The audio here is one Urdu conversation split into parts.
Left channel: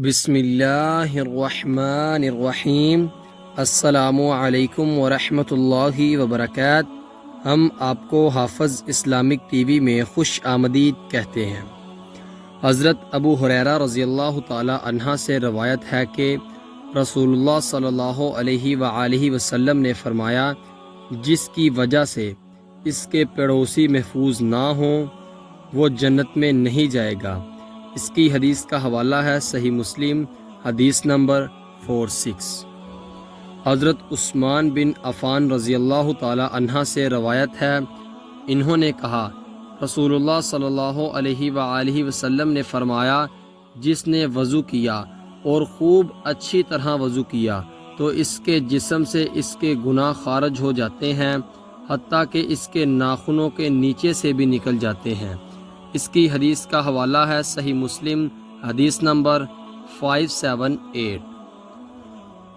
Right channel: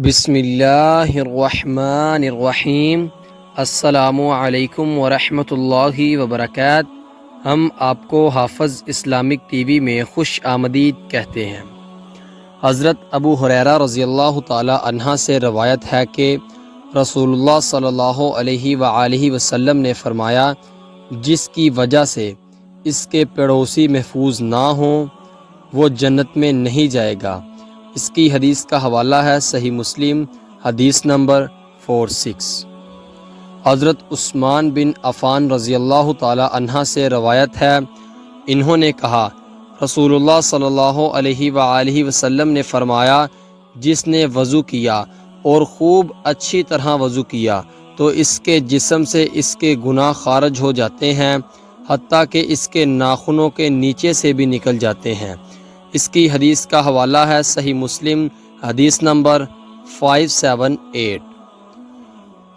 بسم اللہ الرحمن الرحیم۔ السلام علیکم ورحمۃ اللہ وبرکاتہ۔ ہم آپ کو حافظ اسلامک ٹی وی میں خوش آمدید کہتے ہیں۔ حضرت ابو ہریرہ رضی اللہ تعالی عنہ سے روایت ہے کہ رسول اللہ صلی اللہ علیہ وآلہ وسلم نے فرمایا، جس کی وجہ سے اس کے پڑوسی محفوظ نہ ہوں وہ جنت میں نہیں جائے گا۔ اس کی حدیث کا حوالہ ہے صحیح مسلم، حدیث نمبر 46۔ حضرت عثمان بن عفان رضی اللہ تعالی عنہ سے روایت ہے، انہوں نے کہا، رسول اللہ صلی اللہ علیہ وآلہ وسلم نے فرمایا، جس نے وضو کیا اور خوب اچھی طرح وضو کیا تو اس کے جسم سے اس کے گناہ خارج ہو جاتے ہیں، حتیٰ کہ اس کے ناخنوں کے نیچے سے بھی نکل جاتے ہیں۔ اس کی حدیث کا حوالہ ہے صحیح مسلم، حدیث نمبر 578۔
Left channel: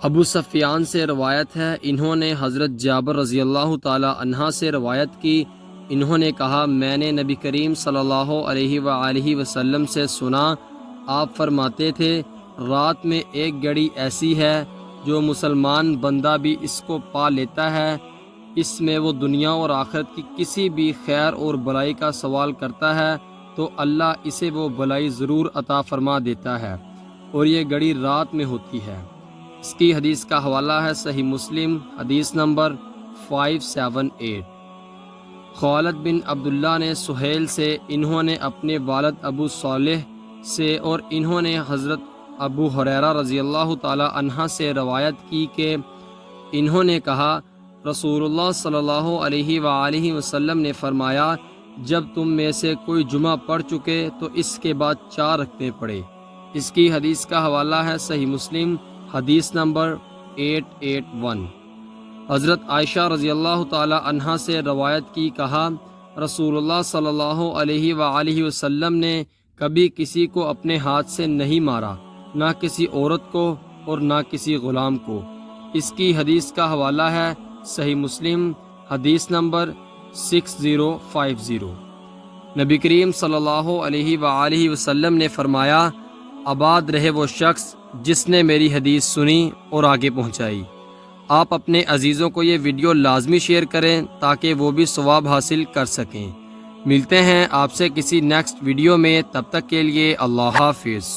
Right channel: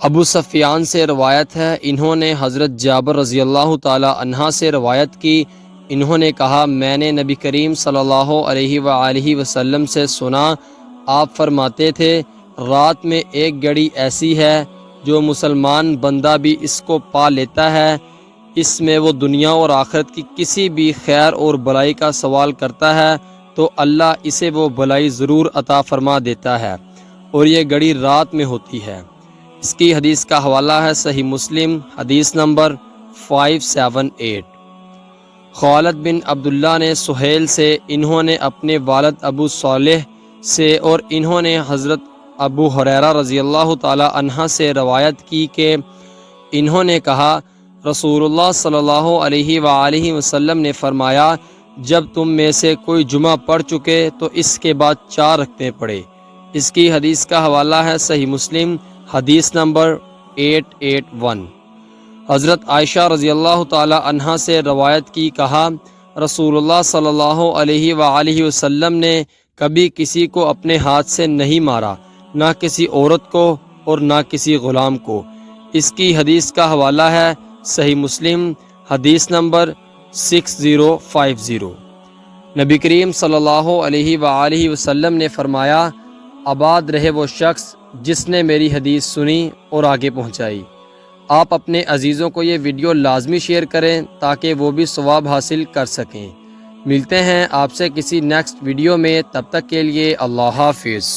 ابو سفیان سے روایت ہے، انہوں نے حضرت جابر رضی اللہ تعالی عنہ سے روایت کی، انہوں نے کہا، میں نے نبی کریم صلی اللہ علیہ وآلہ وسلم سے سنا، آپ فرماتے تھے، رات میں ایک گھڑی ایسی ہے جو مسلمان بندہ بھی اس کو پا لیتا ہے، اس میں وہ دنیا اور آخرت کی کسی بھی خیر اور بلائی کا سوال کرتا ہے تو اللہ اسے وہ بلائی ضرور عطا فرما دیتا ہے، اور یہ گھڑی رات میں ہوتی ہے۔ اس کی حدیث کا حوالہ ہے صحیح مسلم، حدیث نمبر 578۔ خالد بن عبداللہ نے سہیل سے، انہوں نے اپنے والد ابو صالح سے، اور انہوں نے حضرت ابو ہریرہ رضی اللہ تعالی عنہ سے روایت کی کہ انہوں نے کہا، رسول اللہ صلی اللہ علیہ وآلہ وسلم نے فرمایا، جب تم میں سے کوئی جمعہ پڑھ چکے تو اس کے بعد 4 رکعتیں پڑھے۔ اس کی حدیث کا حوالہ ہے صحیح مسلم، حدیث نمبر 881۔ حضرت عائشہ رضی اللہ تعالی عنہ سے روایت کی، کہا، رسول اللہ صلی اللہ علیہ وآلہ وسلم نے کبھی کسی کو اپنے ہاتھ سے نہیں مارا، نہ کسی عورت کو اور نہ کسی غلام کو۔ اس کی حدیث کا حوالہ ہے صحیح مسلم، حدیث نمبر 6050۔ نبی کریم صلی اللہ علیہ وآلہ وسلم نے فرمایا، آباد رہے وہ شخص جس نے میری حدیث سنی اور آگے پہنچائی۔ آپ اپنے عزیزوں کو یہ ویڈیو لازمی شیئر کریں تاکہ وہ بھی ثواب حاصل کر سکیں۔ ملتے ہیں آپ سے کسی نیکسٹ ویڈیو میں، تب تک کے لیے اللہ حافظ۔